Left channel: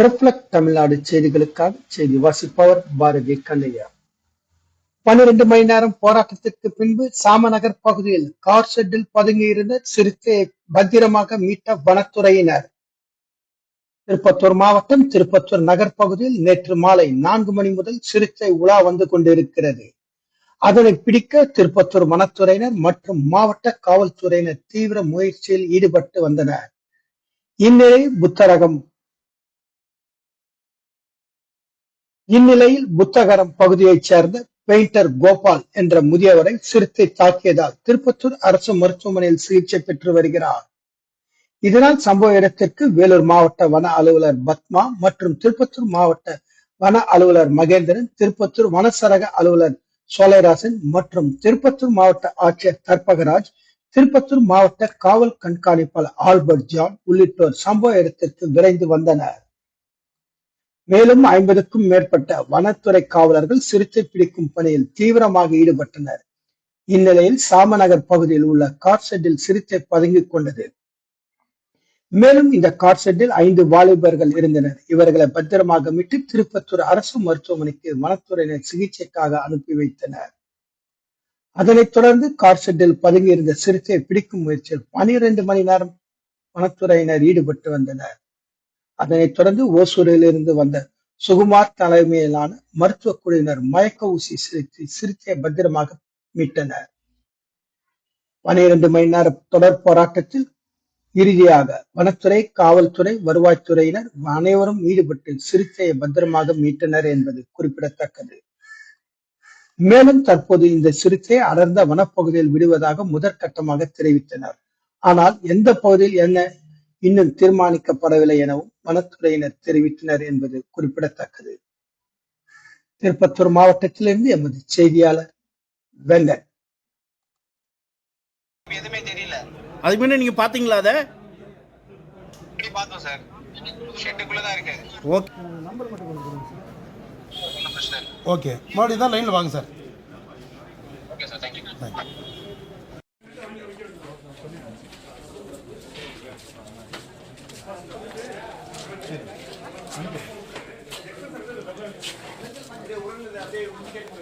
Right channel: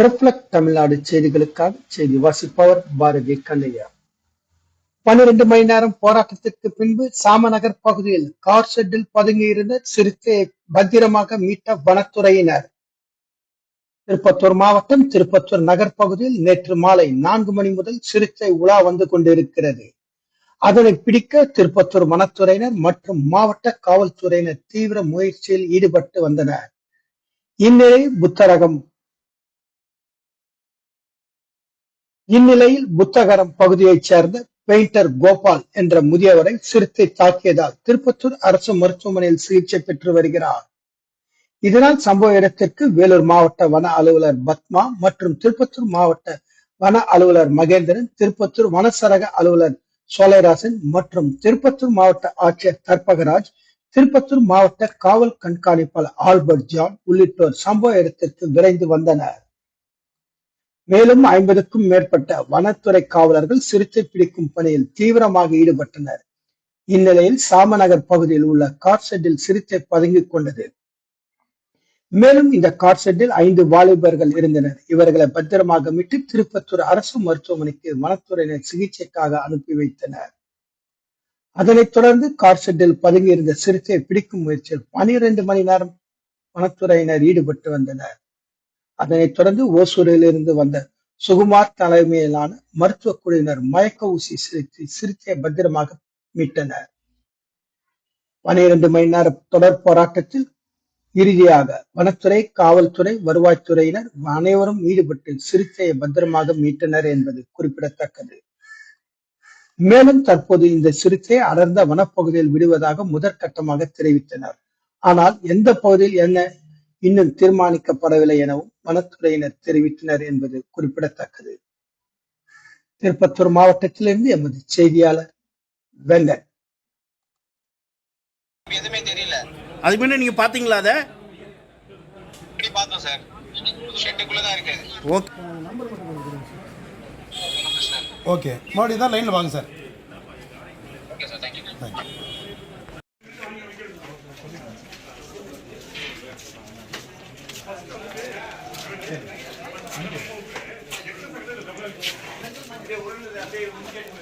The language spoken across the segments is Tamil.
ரிஃப்ளெக்ட் தமிழ்நாடு செய்திகளுக்காக செய்தி வாசிப்பவர் பாரதி கண்ணையா. பன்னிரண்டு மணி நேரம் போராட்டத்திற்கு பின்பு சாமநகர் பகுதியில் கார் ஷெட்டில் பதுங்கியிருந்த சிறுத்தையை பத்திரமாக மீட்ட வனத்துறையினர். திருப்பத்தூர் மாவட்டம் திருப்பத்தூர் நகர் பகுதியில் நேற்று மாலை நான்கு மணி முதல் சிறுத்தை உலா வந்து கொண்டிருக்கிறது. அதனை பிடிக்க திருப்பத்தூர் வனத்துறையினர் மற்றும் மாவட்ட காவல்துறையினர் தீவிர முயற்சியில் ஈடுபட்டு வந்தனர். இந்நிலையில் புத்தரகம் இந்நிலையில் புத்தகரம் பகுதியைச் சேர்ந்த பெயிண்டர் கோபால் என்ற முதியவரை சிறுத்தை தாக்கியதால் திருப்பத்தூர் அரசு மருத்துவமனையில் சிகிச்சை பெற்று வருகிறார். இதனால் சம்பவ இடத்திற்கு வேலூர் மாவட்ட வன அலுவலர் பத்மா மற்றும் திருப்பத்தூர் மாவட்ட வன அலுவலர் மகேந்திரன் திருப்பத்தூர் வனசரக அலுவலர் சோலைராசன் மற்றும் திருப்பத்தூர் மாவட்ட ஆட்சியர் கற்பகராஜ் திருப்பத்தூர் மாவட்ட காவல் கண்காணிப்பாளர் ஆல்பர்ட் ஜான் உள்ளிட்டோர் சம்பவ இடத்திற்கு விரைந்து வந்தனர். மேலும் ஐம்பதுக்கும் மேற்பட்ட வனத்துறை காவலர்கள் சிறுத்தை பிடிக்கும் பணியில் தீவிரமாக ஈடுபட்டனர். இந்நிலையில் சாமநகர் பகுதியில் உள்ள கார் ஷெட்டில் சிறுத்தை பதுங்கிக் கொண்டது. மேலும் இந்த கார் ஷெட்டில் ஐந்து வாலிபர்கள் இருந்தனர். இவர்களை பத்திரமாக மீட்டு திருப்பத்தூர் அரசு மருத்துவமனைக்கு வனத்துறையினர் சிகிச்சைக்காக அனுப்பி வைத்தனர். அதனைத் தொடர்ந்து கார் ஷெட்டில் பதுங்கியிருந்த சிறுத்தையை பிடிக்கும் முயற்சியில் பனிரெண்டு மணி நேரம் வனத்துறையினர் ஈடுபட்டு வந்தனர். அதனைத் தொடர்ந்து ஓசூரிலிருந்து வந்த சுகுமார் தலைமையிலான மருத்துவ குழுவினர் மயக்க ஊசி செலுத்தி சிறுத்தையை பத்திரமாக மீட்டனர். பனிரெண்டு மணி நேர தொடர் போராட்டத்தில் இறுதியாக வனத்துறை காவல்துறை வருவாய்த்துறையினர் அனைவரும் ஈடுபட்டு சிறுத்தையை பத்திரமாக மீட்டனர் என்பது குறிப்பிடத்தக்கது. மேலும் தற்போது இந்த சிறுத்தையை அடர்ந்த வனப்பகுதியில் விடுவதாக முதற்கட்டமாக தெரிவித்தனர். ஆனால் எந்த பகுதியில் என்ன இன்னும் தீர்மானிக்கப்படவில்லை எனவும் வனத்துறையினர் தெரிவித்தனர் என்பது குறிப்பிடத்தக்கது. திருப்பத்தூர் மாவட்டத்திலிருந்து எமது செய்தியாளர் வெங்கட் எதுவுமே தெரியல. அதுக்கு முன்னாடி நீங்க பாத்தீங்களா அதை? இப்படி பார்த்தோம் சார். ஷெட்டுக்குள்ள தான் இருக்கு. ஓகே ஓகே மறுபடியும் தான் லைனில் வாங்க sir. Okay sir thank you day when we get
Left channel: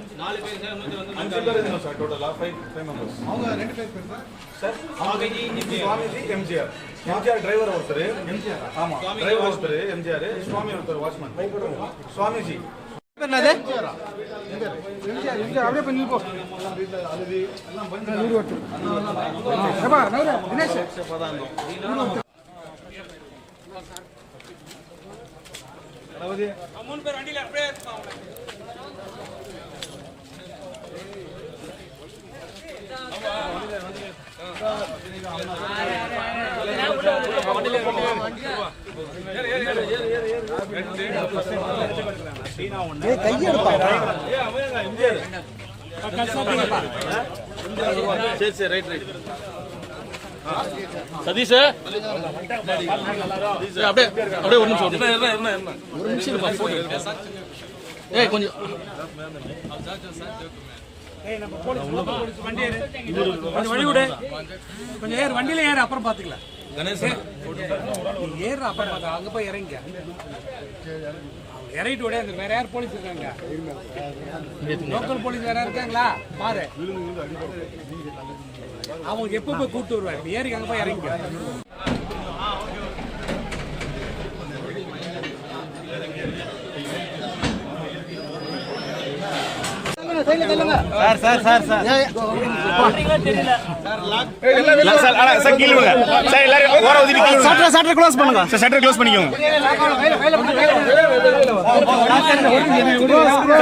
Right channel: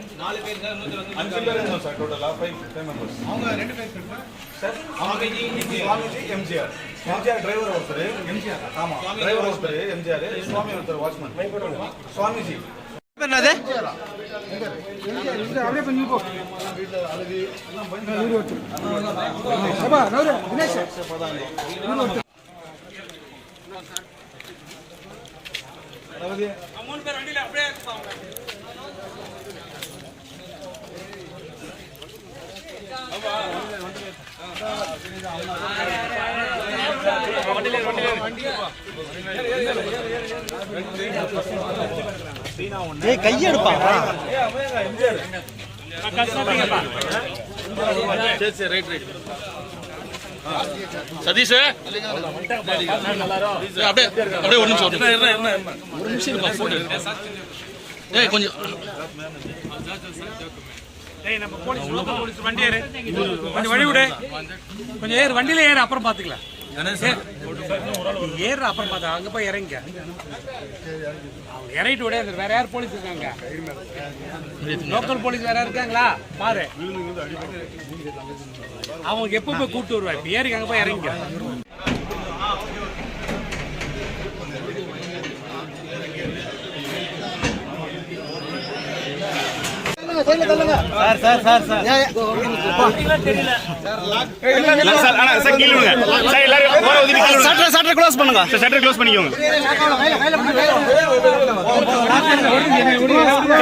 இருந்தோம் சார் டோட்டலா ஃபைவ் ஃபைவ் மெம்பர்ஸ் அவங்க ரெண்டு பேர் சார். சுவாமிஜி சுவாமிஜி எம்ஜிஆர். எம்ஜிஆர் டிரைவர் ஒருத்தர். எம்ஜிஆர். ஆமா டிரைவர் ஒருத்தர் எம்ஜிஆர். சுவாமி ஒருத்தர் வாட்ச்மேன் சுவாமிஜி. சரி சரி ரைட் ரைட் சதீஷ்? அப்படியே அப்படியே ஒரு நிமிஷம் ஒரு நிமிஷம். ஒரு நிமிஷம் இருப்பா போட்டோ ஏய் கொஞ்சம். ஏய் நம்ம போலீஸ் லோக்கல் போலீஸ் வண்டி ஏறு. கொஞ்சம் வழி விடு. கொஞ்சம் ஏறு வண்டியில ஏறு அப்புறம் பாத்துக்கலாம். ஏறு அப்புறம் பார்த்தா அங்கே போய் இறங்க இறங்கிட்டு உடைய வேற யார் போலீஸ் இருக்காங்க? லோக்கல் போலீஸ் வேற இருக்காங்களா? பாரு. அவங்க எப்போ போய் கூப்பிட்டு வருவாங்க? ஏறி அங்கே போய் இறங்கிக்க. சட்டர் சட்டர் க்ளோஸ் பண்ணுங்க க்ளோஸ் பண்ணிக்கோங்க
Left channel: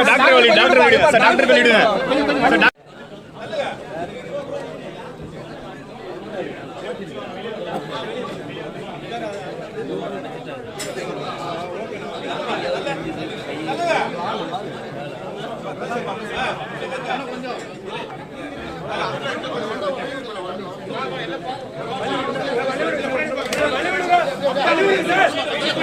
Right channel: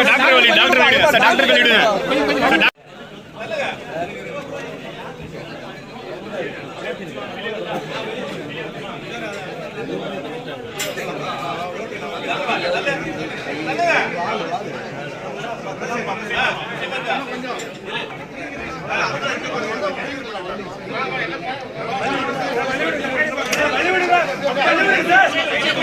டாக்டர் வெளியே டாக்டர் வெளியே டாக்டர்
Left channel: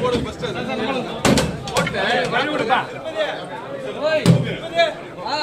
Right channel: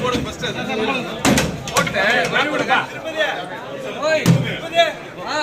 போடு ஃபர்ஸ்ட் போட்டேன் ஓய்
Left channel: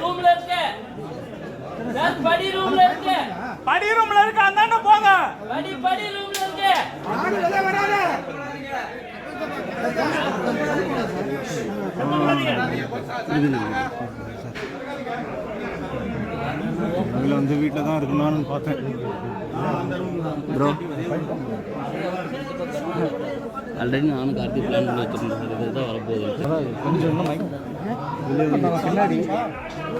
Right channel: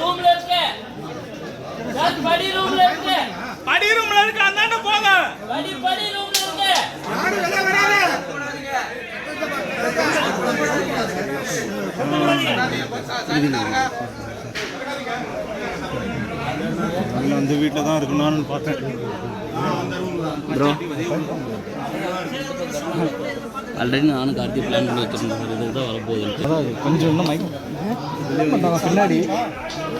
ரூம்ல இருக்கு சார் படி ரூம்ல இருக்கு படி ரூம்ல இருக்கு அந்தாண்ட போங்க படி படி ரூம்ல இருக்கு அதில் வந்து வீட்டில் தான் இருக்கணும்னு பார்த்தேன். ப்ரோ ஆல்ரெடி நானும் கார்த்தி பிளான் பண்ணி வச்சிருந்தேன் சார் இதுதான் வரப்போகுது. கொஞ்சம் இன்னும் பின்னாடி.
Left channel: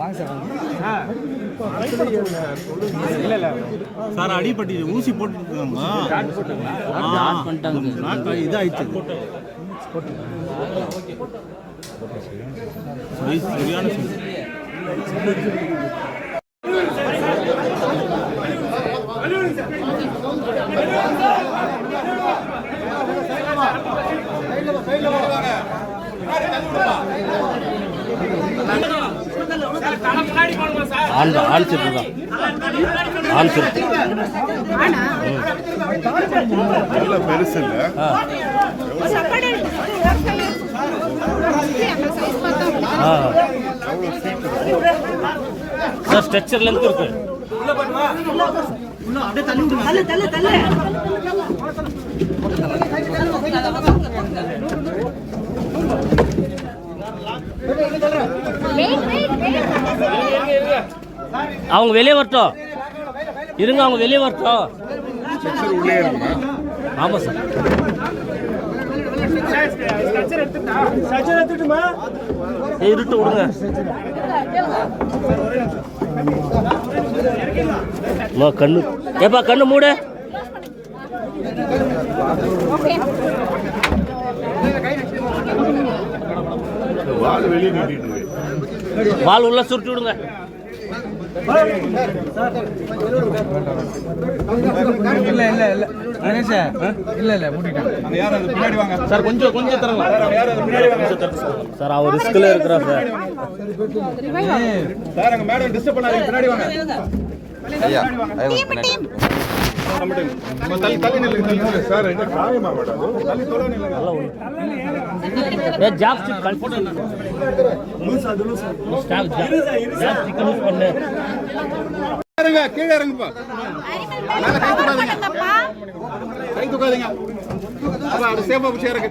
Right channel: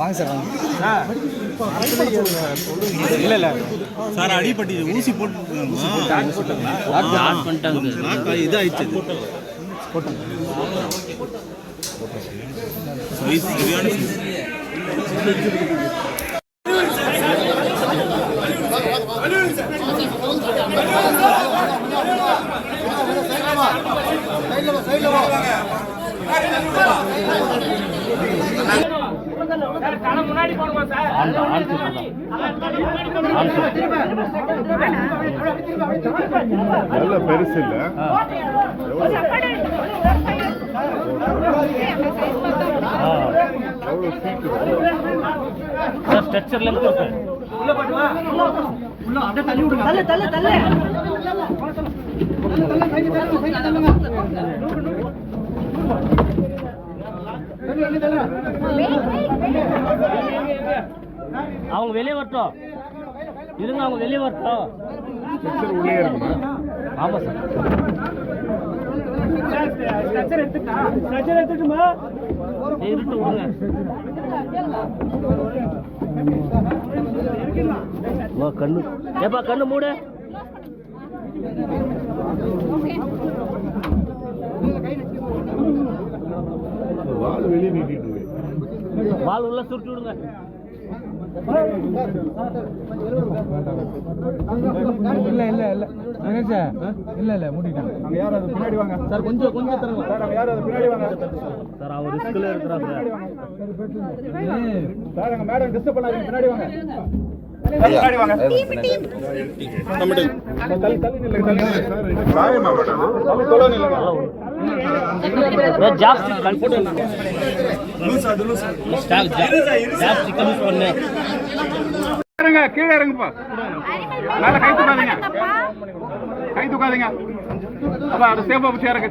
வாங்க சார் இல்லை இல்லை சார் அடிப்பட்டி ஊசி போட்டுருக்காங்கம்மா ஸ்டார்ட் பண்ணிட்டாங்க? சார் இதாயிடுச்சு சைஸ் சரியான சைஸ் நல்ல பெருசு இல்லை. ஆ சார் ஸ்ட்ரெச்சர்லேருந்து இருக்கு. அவங்க வெளியே வரட்டும். இருங்க அவங்க வெளியே வரட்டும். உள்ளே இருக்குமா ஆமாம் சார். இருட்டு விடுங்க. கண்ணு. ஏப்பா கண்ணு மூடு. வால் வெளியே. வால் உள்ள சுருட்டி விடுங்க. இல்ல இல்ல இல்ல. கணேஷ் இல்ல இல்ல மூடிட்டாங்க. அந்த யார் அது? பின்னாடி வாங்க. சார் கொஞ்சம் கொஞ்சம் தரங்க சார் அந்த யார் அது? பின்னாடி வாங்க. சார் அவன் ரிஸ்கில் இருக்கிறான் சார். சார் அங்க மேடம் டிஸ்டர்ப் பண்ணாதீங்க. பின்னாடி வாங்க. பின்னாடி வாங்க. ಜಾಸ್ತಿ இறங்க கீழே இறங்குப்பா. அதான் கை தூக்காதீங்க. கை தூக்காதீங்க. அதான் அது சேஃபா பிடிச்சி இறங்கு